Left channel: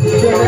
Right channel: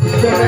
Amen.